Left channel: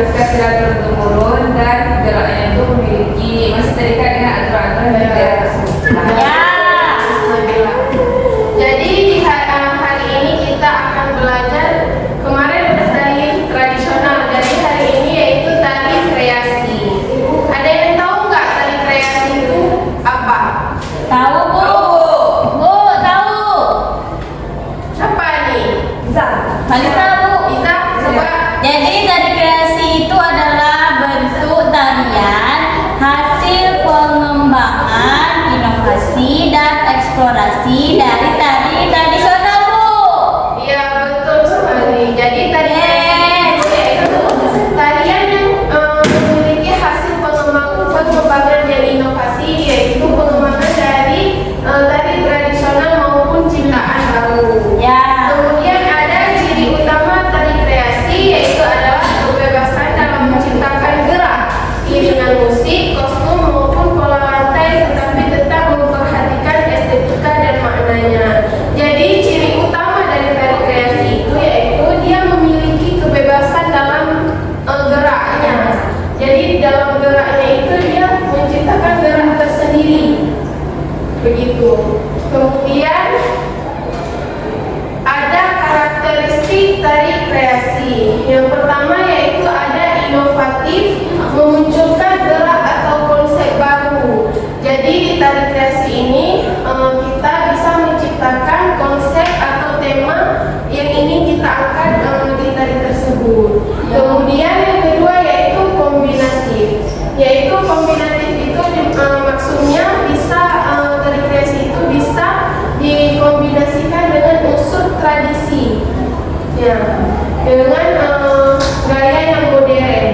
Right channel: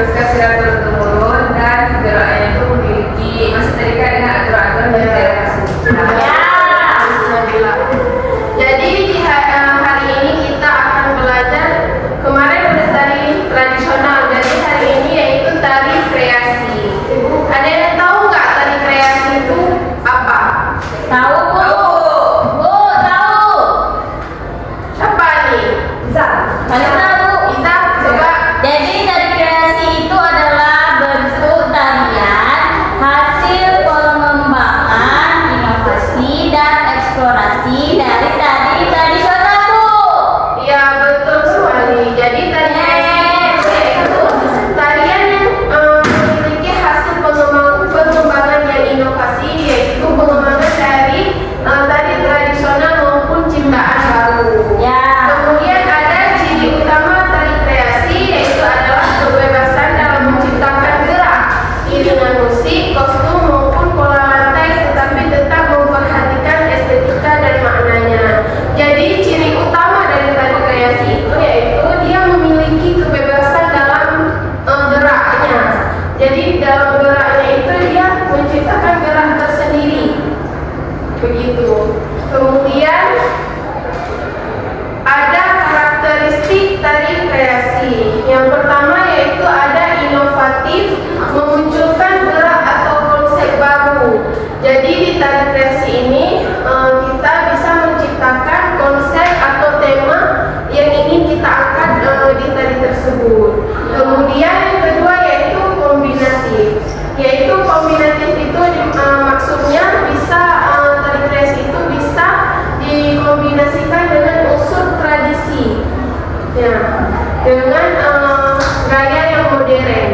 diteruskan secara turun-temurun dan geraknya itu memiliki masih terikat dengan aturan-aturan dan gaya tersebut. Ya. Jadi di hari ini kita akan belajar, kemarin udah tari tradisional, jadi hari ini yaitu tari kreasi. Ada yang tahu nggak tari kreasi itu apa? Tahu Bu? Bu, tahu. Siapa nih? Bisa. Mana tahu? Bisa coba. Jadi tari kreasi itu adalah bentuk tarian hasil pengembangan, inovasi dan eksplorasi dari tari tradisional Bu. Iya betul sekali. Jadi tari kreasi itu tarian yang memiliki hasil pengembangan dan inovasi, yaitu pengembangan dari tari tradisional maupun ciptaan baru. Ya. Kemudian ada ciri utama tari kreasi, yaitu adalah kebebasan dalam menciptakan gerak, iringan musik, kostum maupun pola lantai, tetapi tetap memperhatikan estetika dan maknanya. Jadi ciri utama dari tari kreasi itu yaitu dia memiliki kebebasan dalam geraknya. Jadi dalam geraknya itu dia menciptakan gerak tersendiri. Begitu. Kemudian ada karakteristik tari kreasi. Yang pertama yaitu ada inovatif, memunculkan gerak atau konsep baru. Jadi di tari kreasi ini kita bisa menciptakan konsep atau tema yang ingin kita angkat di tari tersebut. Kemudian yang kedua yaitu kombinatif. Yaitu kombinatif itu maksudnya bisa tari kreasi itu bisa dikombinasikan dengan unsur tradisi, ya, dengan gaya yang modern.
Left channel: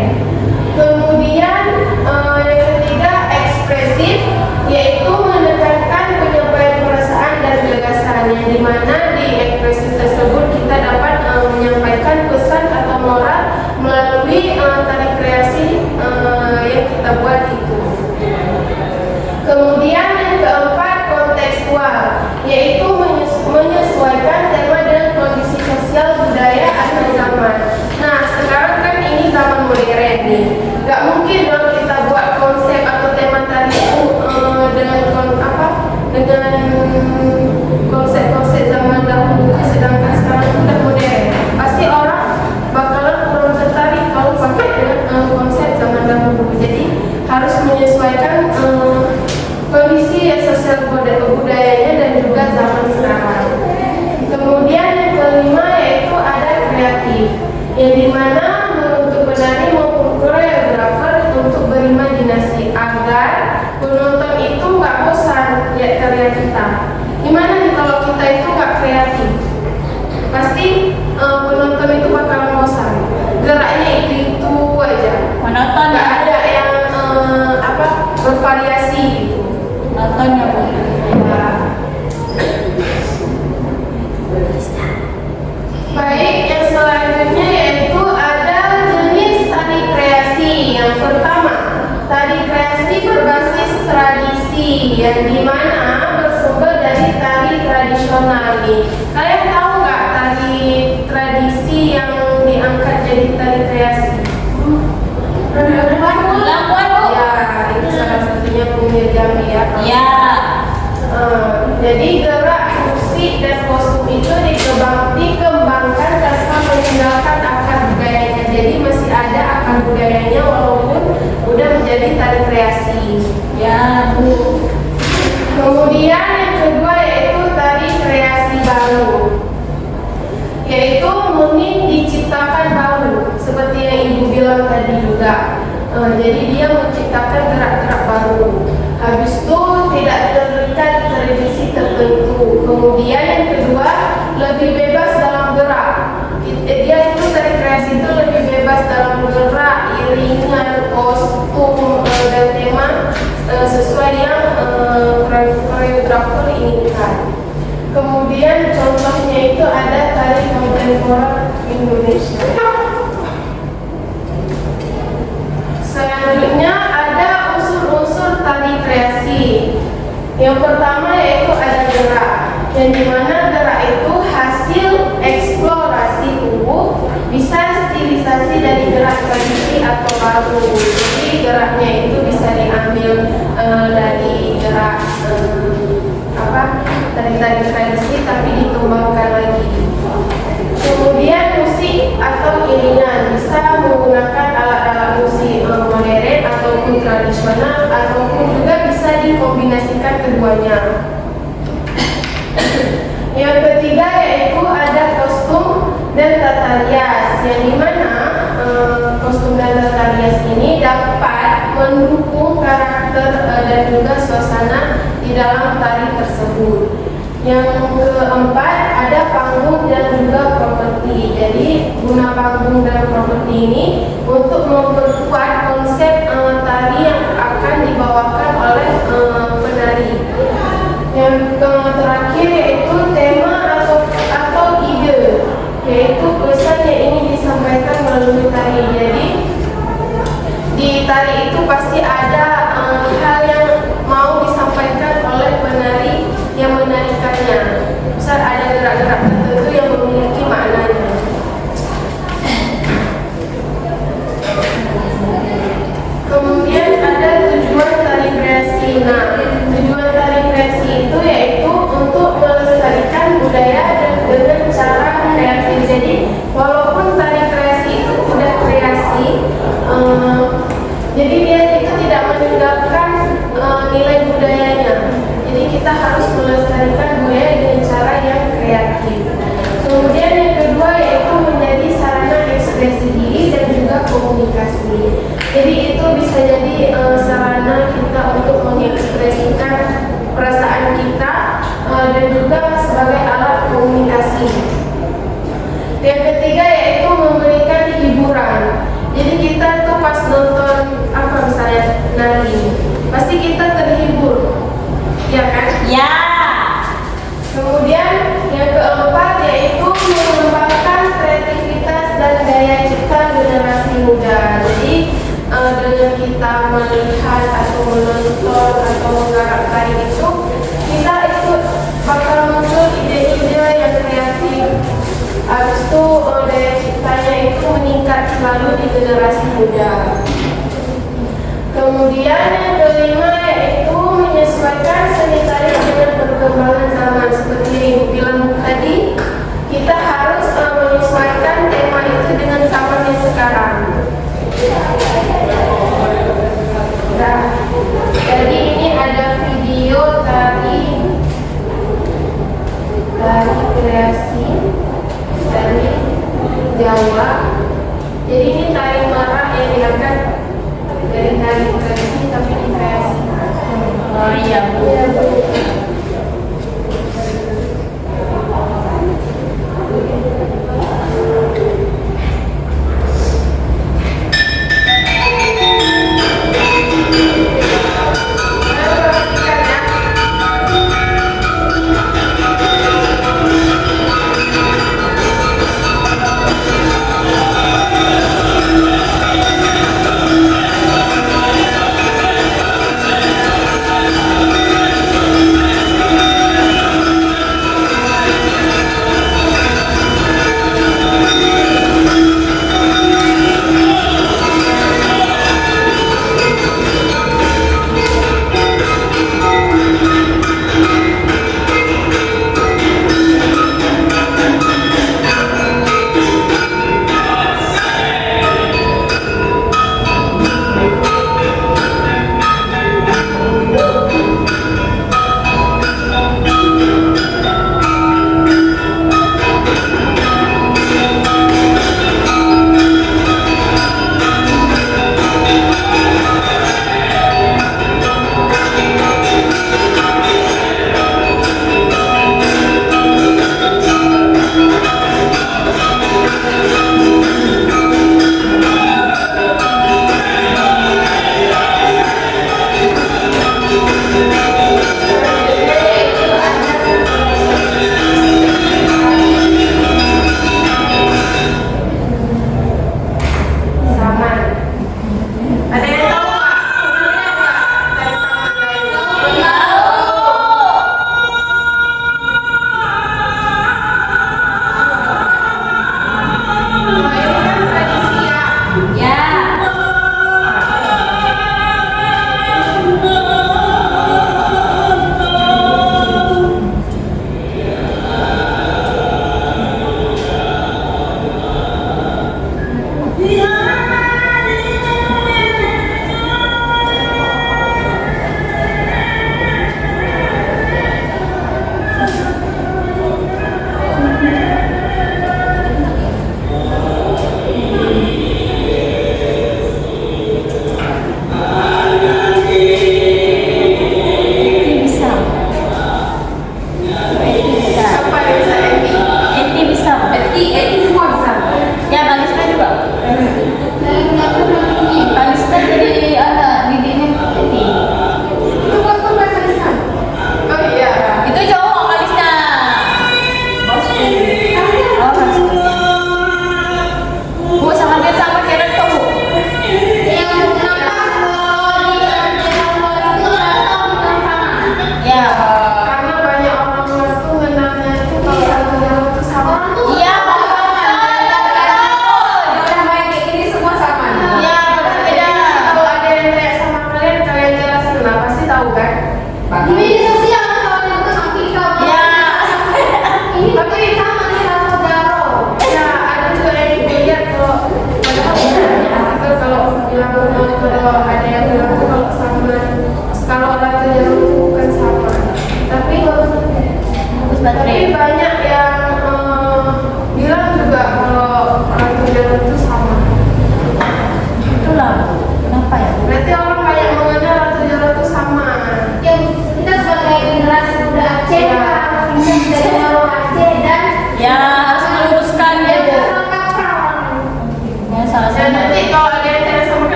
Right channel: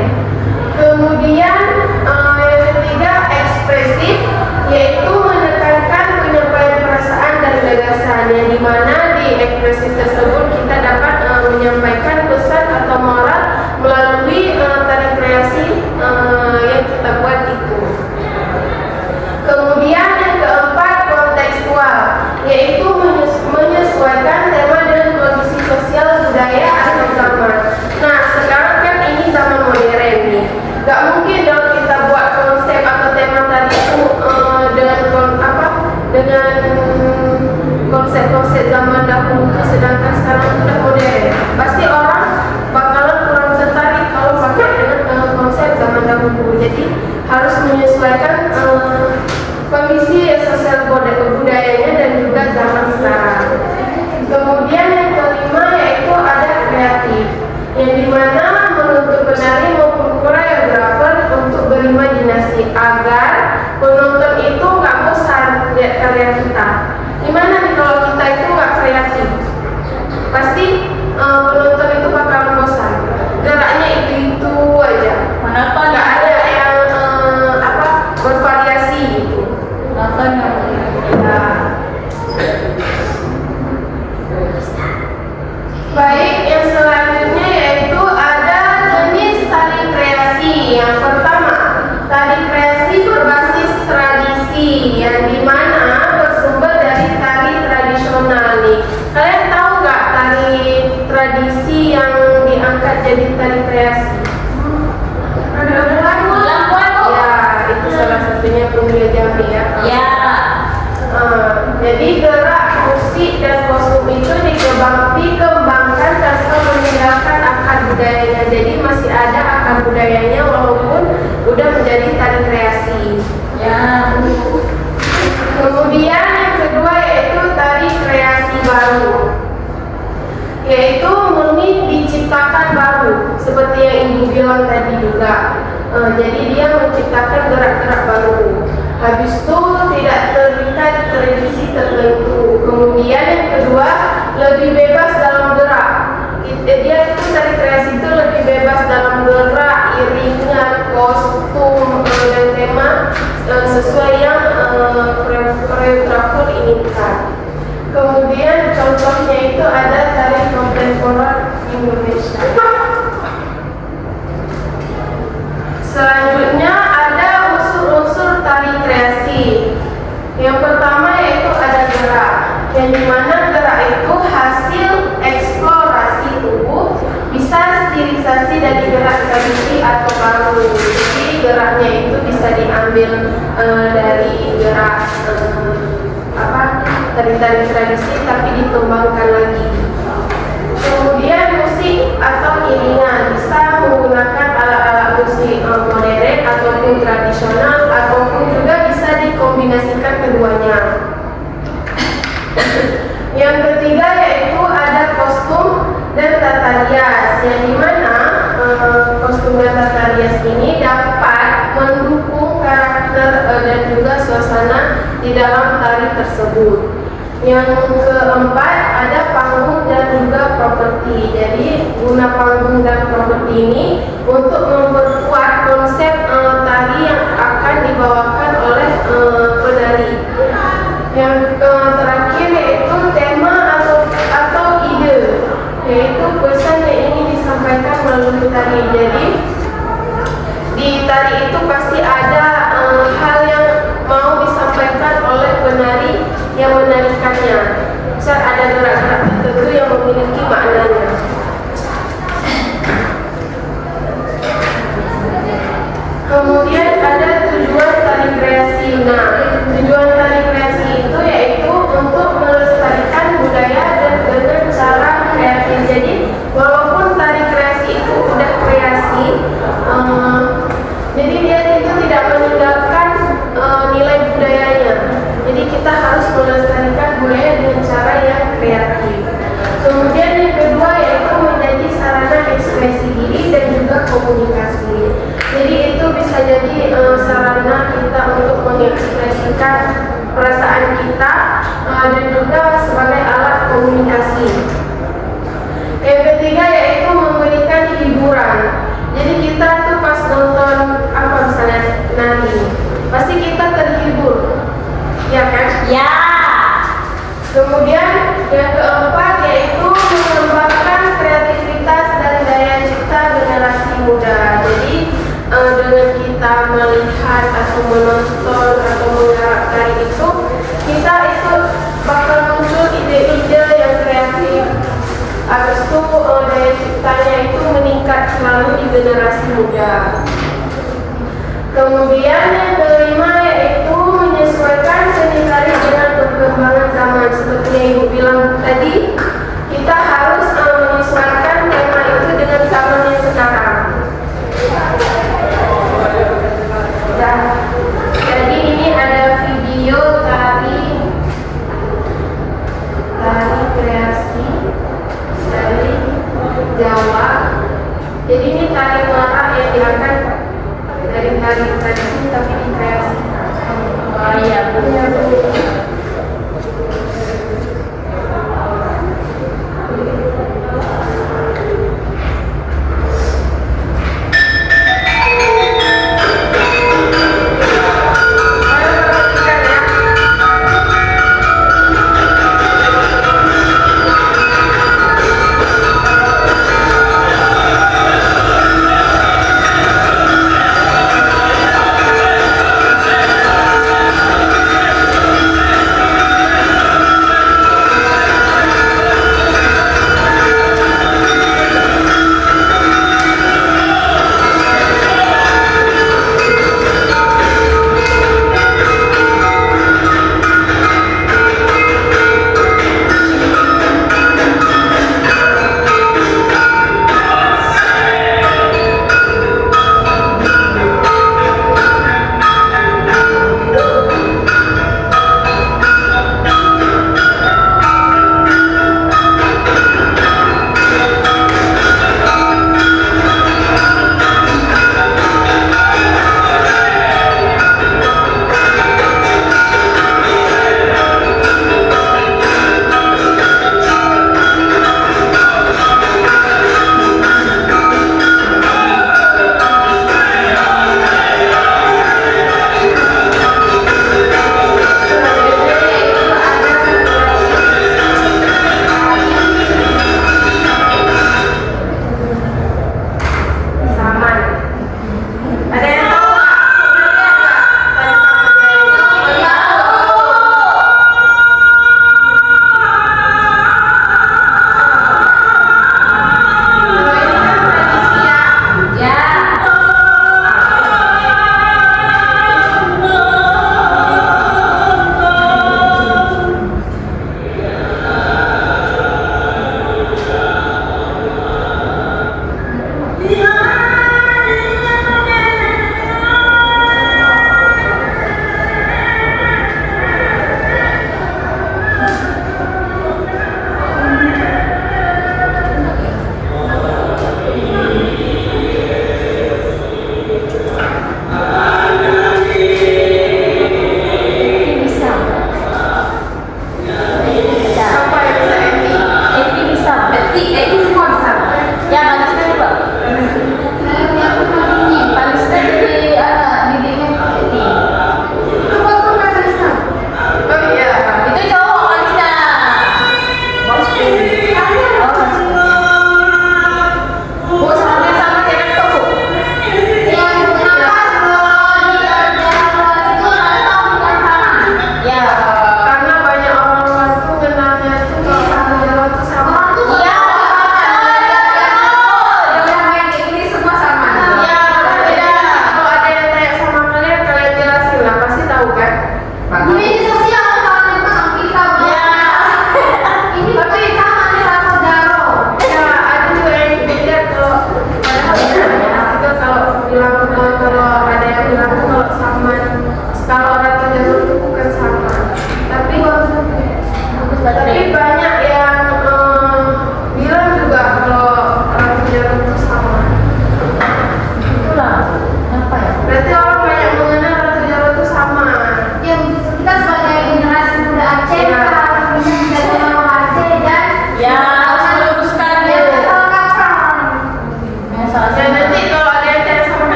Kemudian yang ketiga ekspresif, yaitu menekankan penyampaian perasaan dan gagasan, yang dimana di ekspresif tersebut kita dapat menyampaikan pesan atau moral melalui tari kreasi yang kita buat itu. Kemudian yang keempat kontekstual, yaitu menyesuaikan tema dengan kondisi sosial, budaya atau zaman. Nah sekarang kan ini zaman modern nih, gak mungkin dong kita buat konsep atau tema tadi itu dengan konsep zaman dahulu, sedangkan sekarang sudah modern. Pasti orang bakalan kurang tertarik kalau pakai dengan konsep zaman dahulu. Jadi harus menyesuaikan kondisi sosial budayanya dan juga zaman sekarang. Kemudian yang kelima yaitu ada kreatif, yang dimana menuntut penari maupun koreografer untuk berimajinasi agar penonton itu nggak bosan lihat karya kita. Gimana nih kalau kita itu nggak kreatif? Pasti penonton itu bakalan bosan. Geraknya itu aja. Monoton Nggak ya. ada yang bervariasi gitu. Monoton ya Bu. Ya. Baik, yang selanjutnya yaitu ada jenis tari kreasi. Yang pertama, tari kreasi berbasis tradisi, yang dimana bersumber dari tari tradisional nih. Kalian tahu nggak tari tradisi yang diangkat jadi tari kreasi? Lampuan Bu. Ya, itu salah satunya Bumi Jambi ya. Ya. Jadi gerak, musik dan kostum itu dikembangkan tanpa meninggalkan akar budayanya. Jadi masih ada akar budayanya walaupun udah menjadi tari kreasi. Ya Bu. Kemudian yang kedua yaitu tari kreasi baru, yaitu murni diciptakan baru seperti yang Ibu bilang tadi juga. Jadi dia menciptakan gerak-gerak baru. Habis itu tidak terikat tradisi tertentu. Kemudian yang kedua lebih bebas dalam gerak. Dia itu tari kreasi itu lebih bebas dalam gerak, iringan, kostum dan tema sesuai yang koreografer inginkan. Kemudian contohnya itu ada tari kontemporer Indonesia. Selanjutnya ada unsur-unsur tari kreasi. Yang pertama yaitu ada gerak, yang dimana gerak itu hasil eksplorasi tubuh, bisa stilisasi dari gerak tradisi dikembangkan lagi. Kemudian musik atau iringan bisa menggunakan alat-alat musik modern ataupun tradisional ataupun juga bisa dikombinasikan keduanya. Yang ketiga yaitu ada kostum dan tata rias, yang dimana kostum dan tata rias ini dapat mendukung karakter dan juga suasana di dalam tari tersebut. Yang keempat ada panggung dan juga properti. Jadi guna panggung dan properti ini untuk memperkuat konsep tari yang akan dibawakan oleh penari. Yang terakhir yaitu tema atau ide, yaitu pesan yang ingin disampaikan melalui tari. Jadi di tari itu pasti ada hal yang mau disampaikan oleh penari yang menarikannya. Misal ada gerak-gerak tertentu yang memiliki maknanya. Kemudian ada tujuan tari kreasi. Nah, tujuan tari kreasi itu yaitu untuk melestarikan budaya dengan cara kreatif. Jadi walaupun tari kreasi itu udah kreasi, jadi dia itu tidak meninggalkan nilai budayanya. Jadi kita harus melestarikan budaya dengan cara yang kreatif. Kemudian yang kedua yaitu menjadi sarana ekspresi diri dan juga komunikasi. Jadi itu bisa jadi sarana kita untuk mengekspresikan perasaan kita dan juga sebagai alat komunikasi. Yang ketiga yaitu memberikan hiburan. Jadi kita tuh pas nonton apa misalnya nari, pasti kita terhibur, ya kan? Ya. Kemudian yang keempat yaitu mengembangkan kreativitas dan daya cipta generasi muda. Jadi dengan kita melihat atau menonton atau menggarap tari itu, kita itu bakal muncul ide-ide yang kreatif. Habis itu daya ciptanya itu meningkat selalu di generasi muda. Kemudian yang kelima yaitu menyesuaikan seni tari dengan perkembangan zaman. Seperti yang Ibu bilang tadi, kita harus menyesuaikan tema itu dengan zaman yang sekarang. Nah, jadi ini ada video tari kreasi dari Jawa. Jadi ini tari marah yang diangkat dari tari tradisi tapi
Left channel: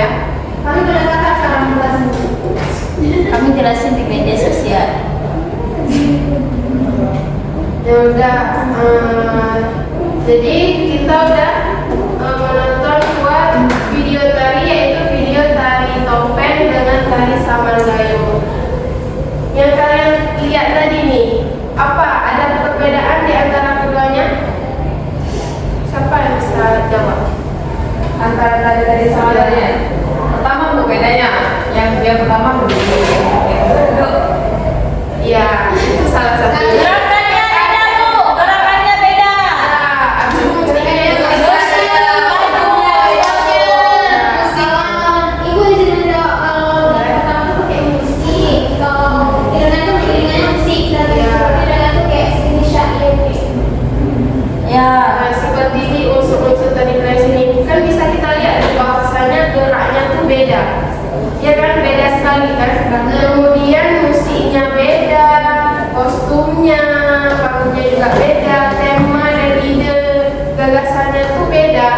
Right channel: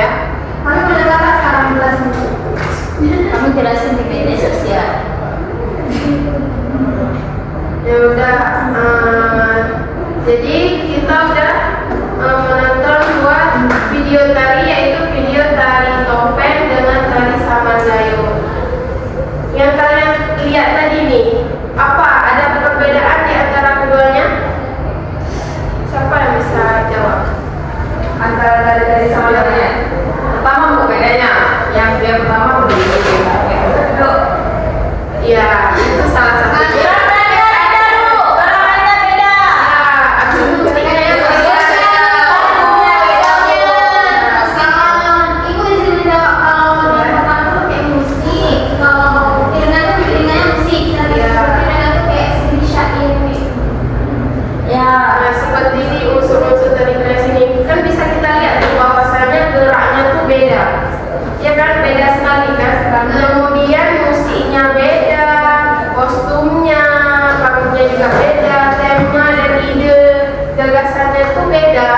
ya. Kami boleh kakak sekarang jelasin. Kamu jelasin di media sosial. Ya udah, jadi kita udah menonton buat video tari, yaitu video tari topeng dengan tari Saman Layu. Yang kalian lihat tadi nih, apa ada perbedaan di antara keduanya? Siapa yang bisa jawab? Antara dari sama lain. Pertama bu bedanya, yang pertama begini. Ya, itu salah satu. Gerakannya beda bu, gerakannya beda. Aku mestinya yang Ibu izin menjawab kalau yang pertama tuh pakai musik, kalau iringan tuh iringan musik, dan iringan tuh kayak seni syair. Ya. seperti di unsur-unsur tadi ini kan bisa kita lihat bahwasanya geraknya tuh beda, ya kan, beda sekali kan. Kemudian musiknya beda, kostumnya, panggungnya juga beda, tema dan ide gagasannya tuh beda,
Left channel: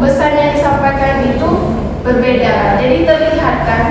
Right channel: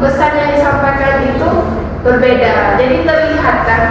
pesan yang disampaikan itu berbeda. Jadi terlihat kan